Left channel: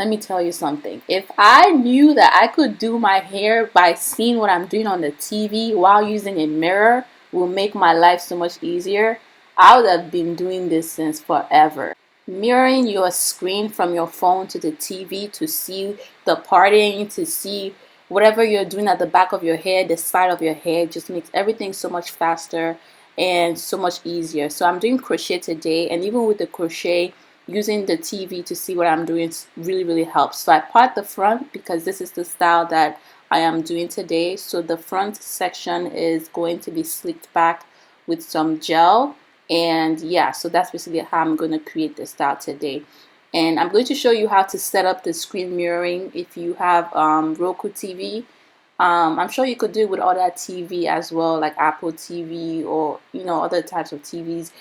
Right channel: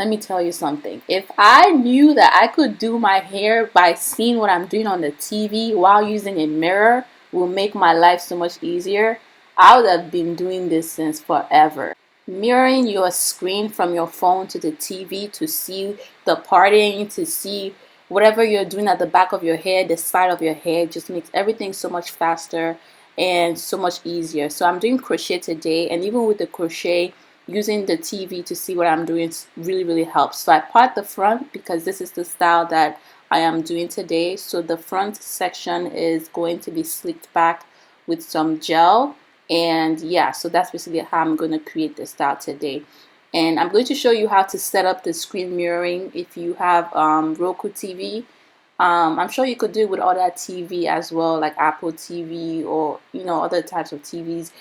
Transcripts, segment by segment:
let me tell you something. If I knew that I could do my hair by seeing what I'm doing on the TV while using a mirror will make my life so much easier, I would have been doing this since forever. Mirroring your screen from your phone to the TV to see the parting, to see whatever you're doing at the back of your hair, the side of your hair, just makes everything so much faster and so much easier. So I'm doing crochet today, and even with the crochet, using the TV to see what I'm doing really helps. So I part the front because this is the style that I am doing today. So the front section is going to be slicked back with some gel, and yeah, so that's basically how I'm going to create the style today. And I'm going to show you how to set up the screen mirroring if you have Roku TV. I'm sure you could do it with other TV as well, like Apple TV or other types of TVs.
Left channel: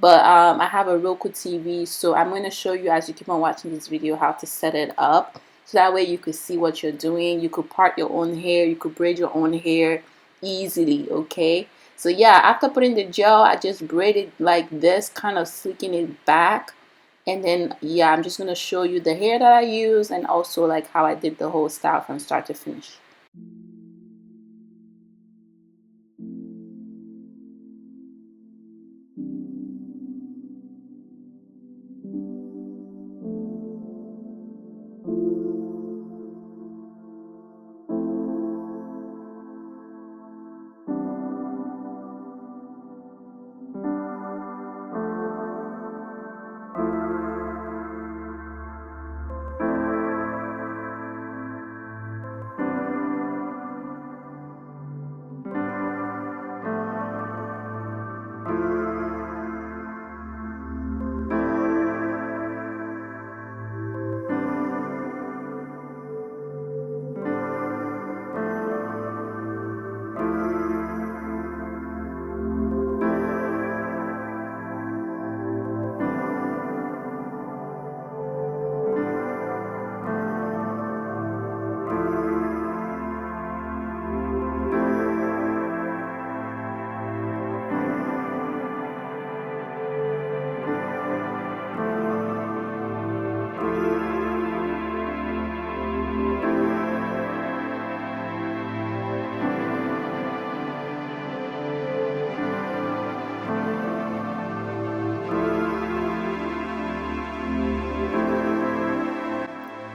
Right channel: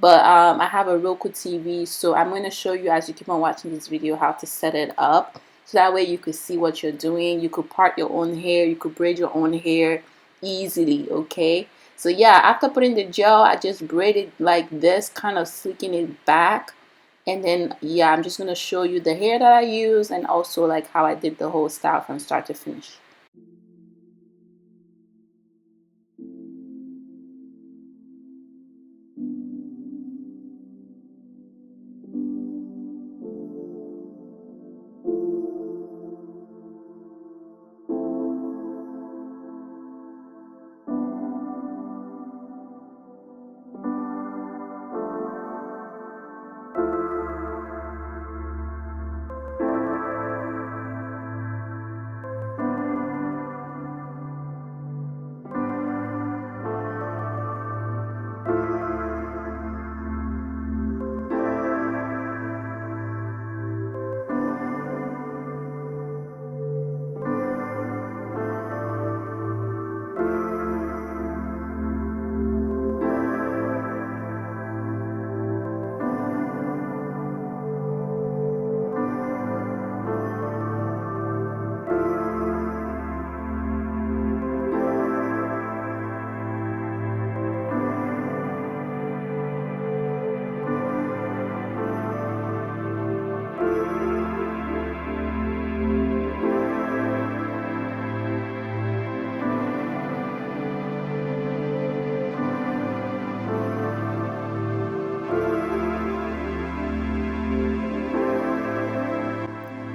But I have a Roku TV, so I'm going to show you as you keep on watching this video how to set it up. So that way you could see what you're doing. You could part your own hair, you could braid your own hair easily, okay? So yeah, after putting the gel, I just braided like this, kind of slicking it back. And then yeah, I'm just going to show you the hair that I use and also like how I did the whole style from start to finish.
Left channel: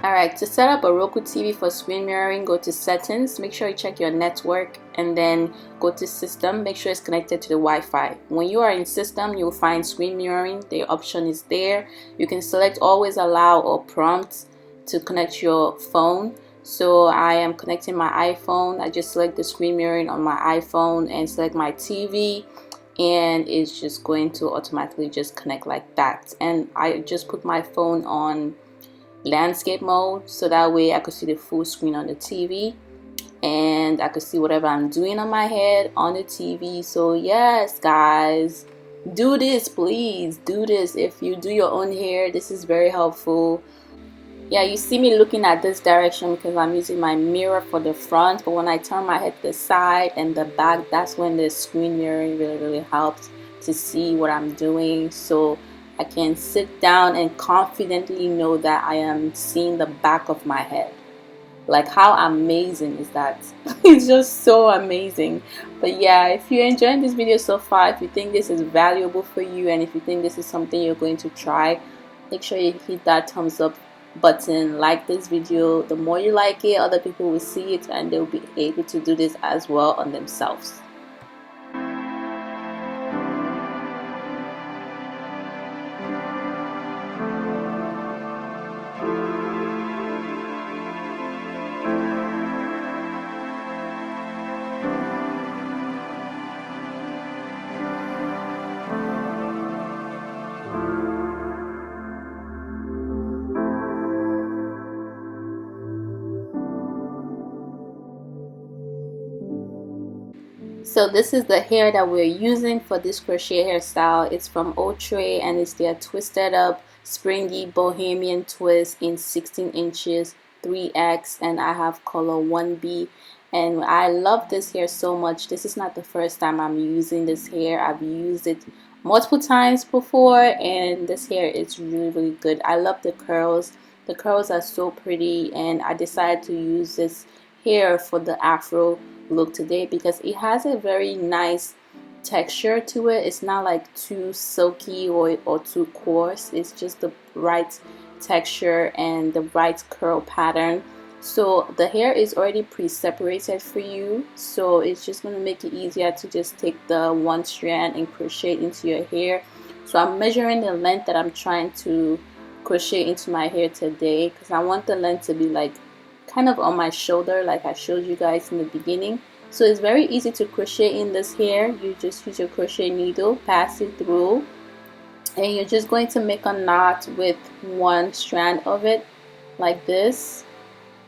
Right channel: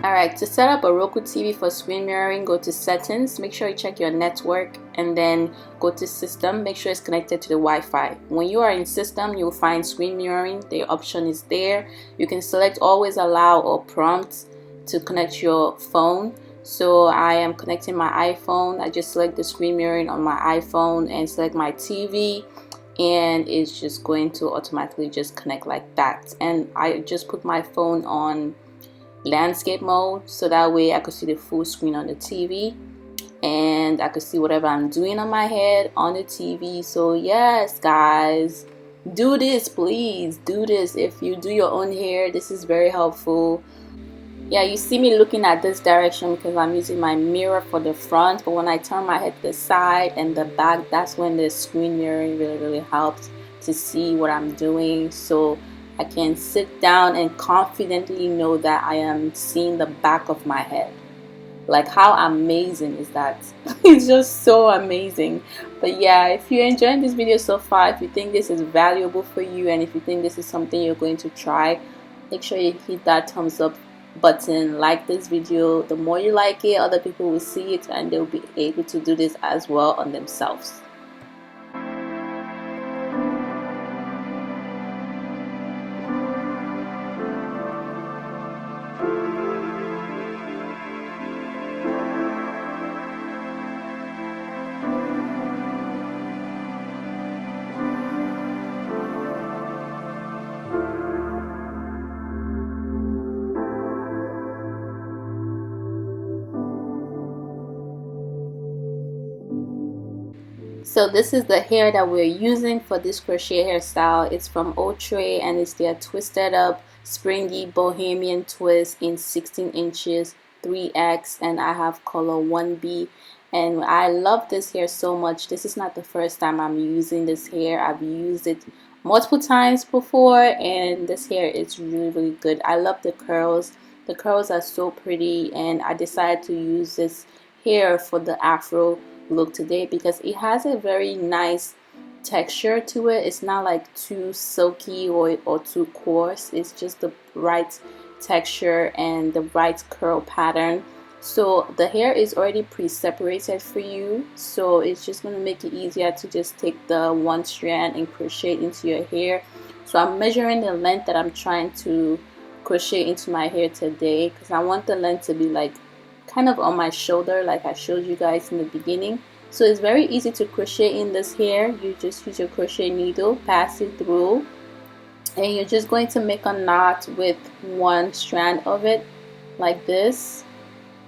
Alright, to set up a Roku TV for screen mirroring, go to settings, make sure you check your network, and then go to system, make sure it's connected to the Wi-Fi. When you are in system, you'll find screen mirroring, the option is there. You can select always allow or prompt to connect your phone. So I am connecting my iPhone. I just select the screen mirroring on my iPhone and select my TV, and it's just going to automatically just connect like that. And I just put my phone on landscape mode so that way I could see the full screen on the TV and I could see whatever I'm doing on my head on the TV. So yes guys, do this, please do this. If you do your own hair, this is very helpful. Yeah, you see me looking at this direction because I'm using my mirror for the front, but when I turn my head to the side and the back, that's when the screen mirroring really helps to see what I'm doing. So I can sit down and confidently know that I am seeing the back of my head. Like, how amazing is that? It's just so amazing. But yeah, if you're enjoying this video so far, if you think this is valuable for you, and if you think this is something you're going to try, make sure you hit that thumbs up button, like this video. The more you like it, other people will see it and they'll be able to do this as well on themselves. So this is the hair that we're using for this crochet hairstyle. It's from Outre and it's their twisted up springy bohemian twist in 16 inches 3x, and I have color 1B, and I love this hair so much. This is not the first time I'm using this hair. I've used it multiple times before, and this hair is really good. I love the curls The curls are so pretty, and I decided to use this hair for the Afro look today because it has a very nice texture to it. It's not like too silky or too coarse. It's just the right texture and the right curl pattern. So the hair is already pre-separated for you, so it's just going to make it easier to just take the one strand and crochet into your hair. So I'm measuring the length that I'm trying to crochet into my hair today because I want the length to be like kind of on my shoulder, like I showed you guys in the beginning. So it's very easy to crochet in this hair. You just use your crochet needle, pass it through, and you're just going to make a knot with one strand of it like this.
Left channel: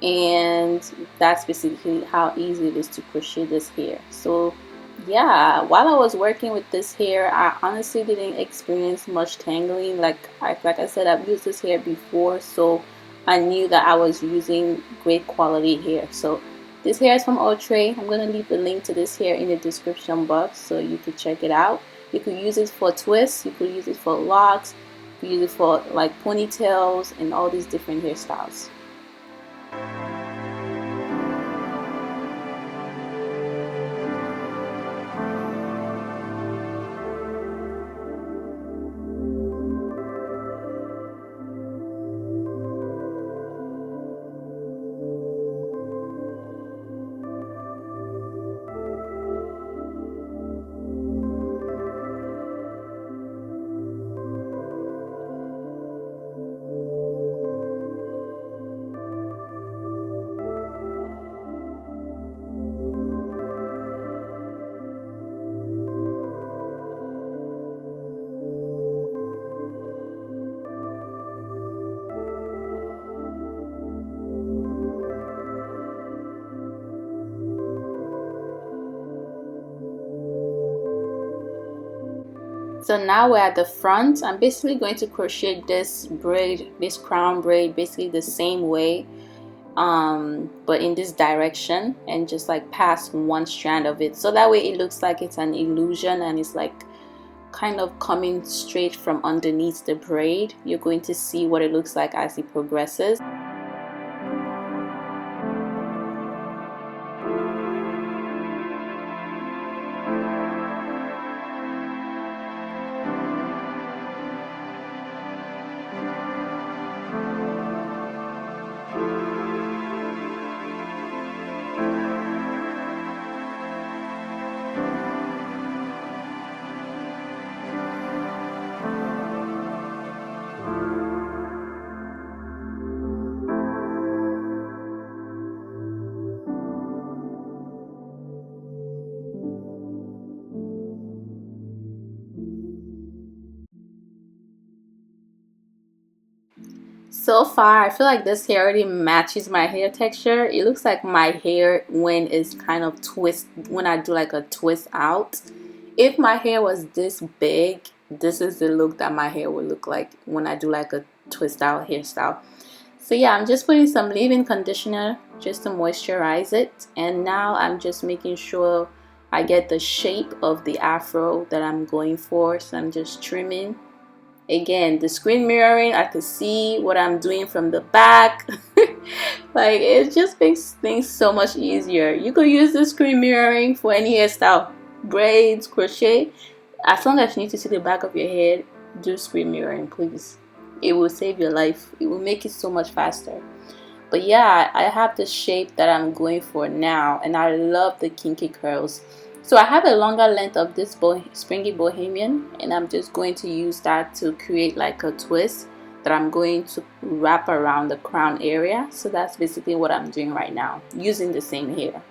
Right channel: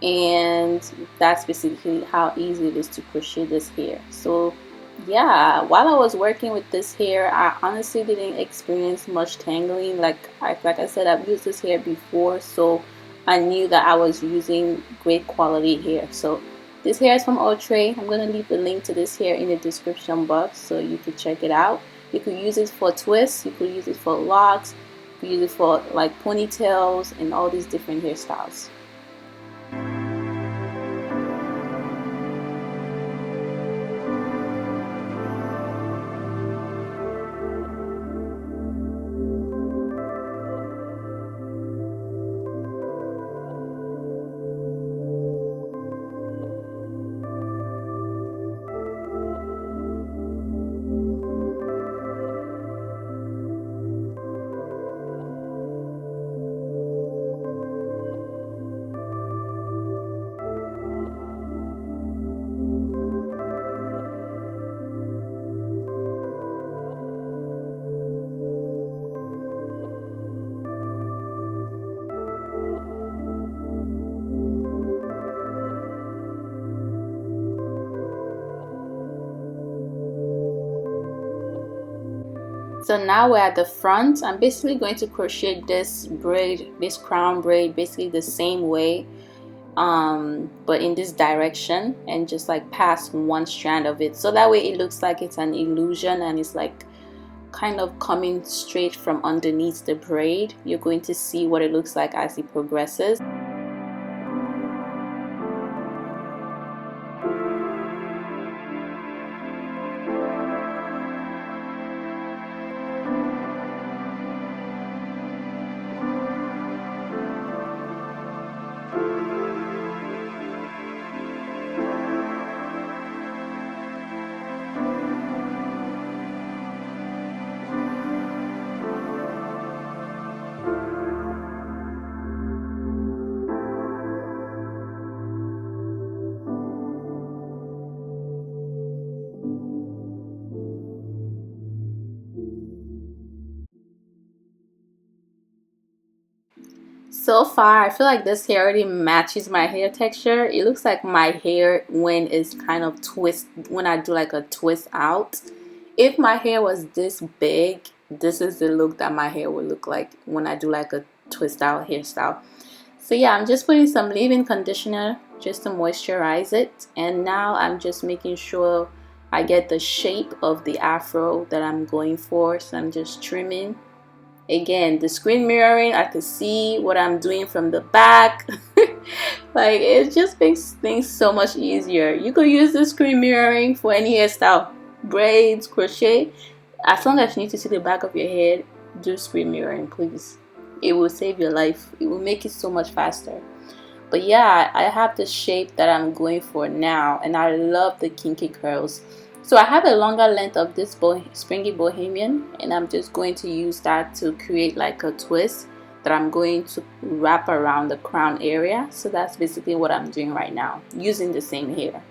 And that's basically how easy it is to crochet this hair. So yeah, while I was working with this hair, I honestly didn't experience much tangling. Like I said, I've used this hair before, so I knew that I was using great quality hair. So this hair is from Outre. I'm gonna leave the link to this hair in the description box so you could check it out. You could use it for twists, you could use it for locks, you could use it for like ponytails and all these different hairstyles. So now we're at the front. I'm basically going to crochet this braid, this crown braid, basically the same way, but in this direction, and just like pass one strand of it, so that way it looks like it's an illusion and it's like kind of coming straight from underneath the braid. You're going to see what it looks like as it progresses. So far, I feel like this hair already matches my hair texture. It looks like my hair when it's kind of twist, when I do like a twist out. If my hair was this big, this is the look that my hair would look like when I do like a twist out hairstyle. So yeah, I'm just putting some leave-in conditioner just to moisturize it. And now I'm just making sure I get the shape of the afro that I'm going for. So I'm just trimming. Again, the screen mirroring, I can see what I'm doing from the back. Like, it just makes things so much easier. You could use the screen mirroring for any hairstyle, braids, crochet. As long as you need to see the back of your head, do screen mirroring, please. It will save your life. It will make it so much faster. But yeah, I have the shape that I'm going for now, and I love the kinky curls. So I have a longer length of this springy bohemian, and I'm just going to use that to create like a twist that I'm going to wrap around the crown area. So that's basically what I'm doing right now, using the same hair.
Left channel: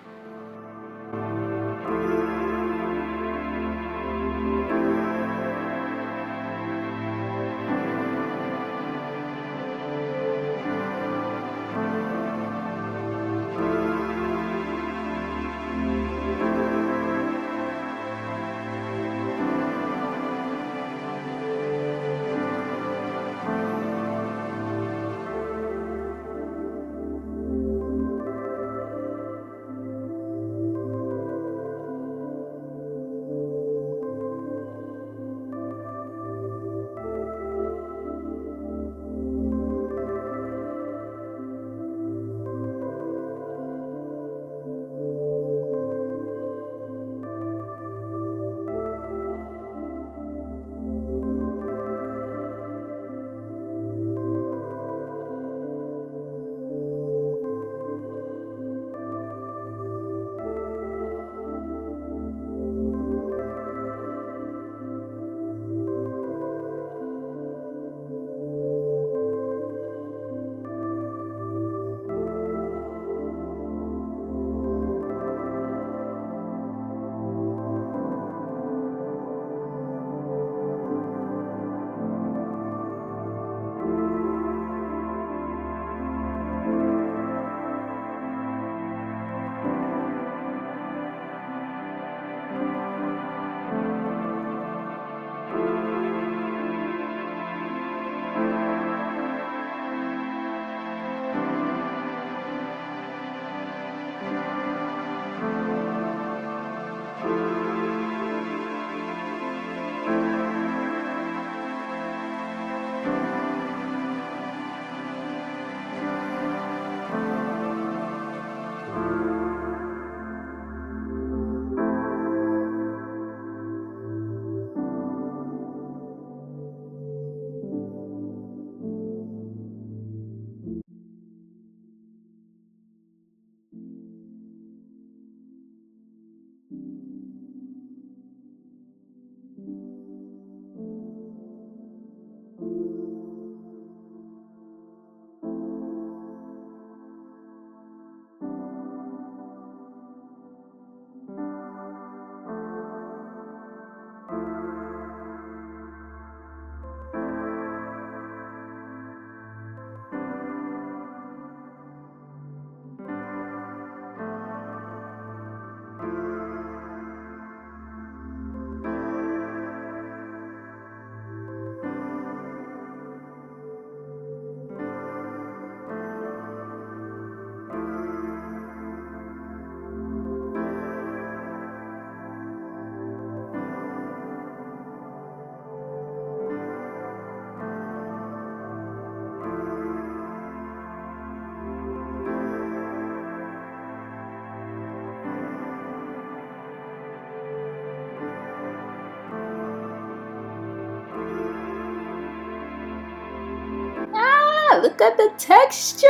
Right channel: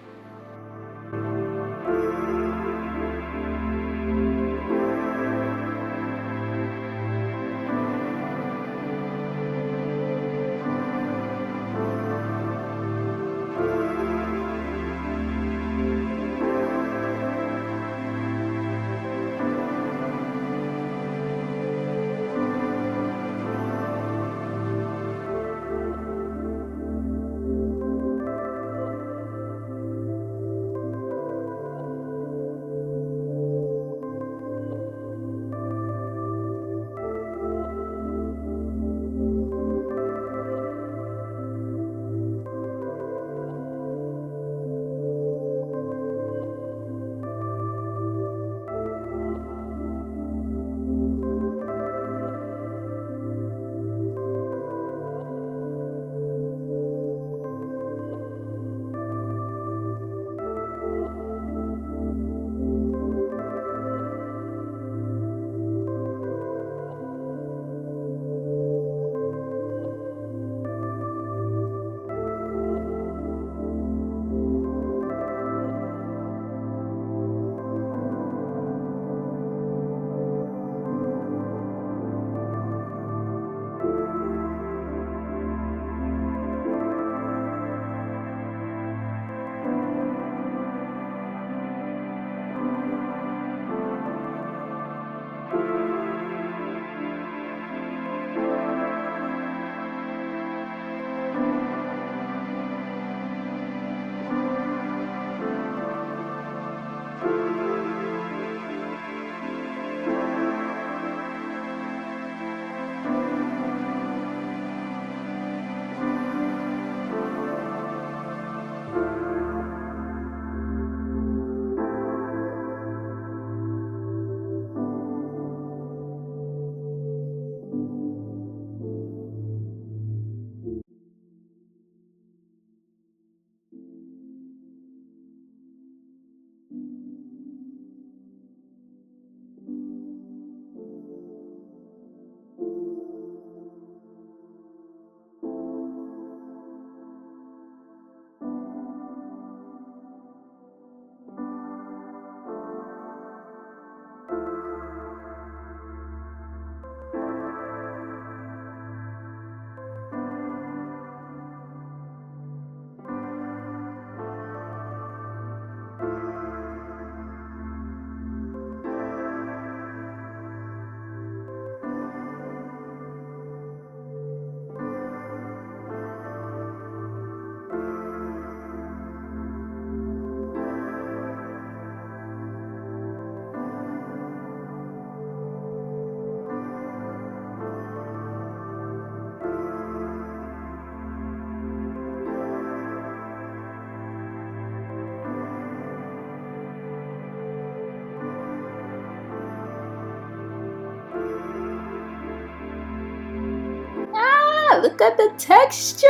look at the texture.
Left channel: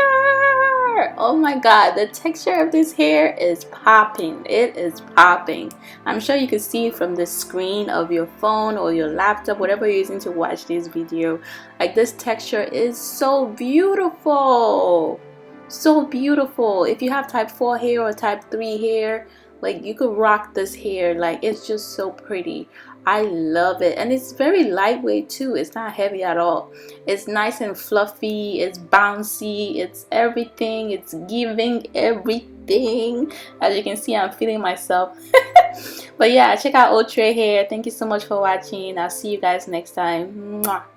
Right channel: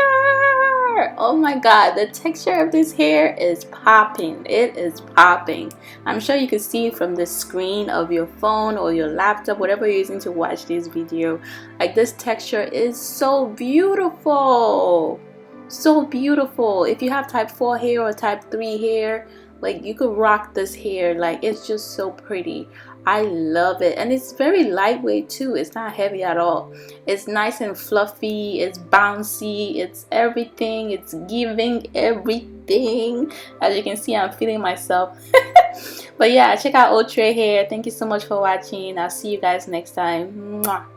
Oh my god, the texture of this hair is popping. It is popping. I'm sure you can see from the screen of your phone or your laptop, whatever you're using to watch this video. Like, this texture is so beautiful. So beautiful. If you have type 4 hair or type 3 hair, like, you could rock this hair. Like, it's just so pretty. I love it, and it's very lightweight too. It's not heavy at all. It's nice and fluffy, it's bouncy, it's everything, it's giving everything. As you can see, I'm feeling myself. But yeah, check out Outre hair. Thank you so much for watching. I'll see you guys next time. Mwah.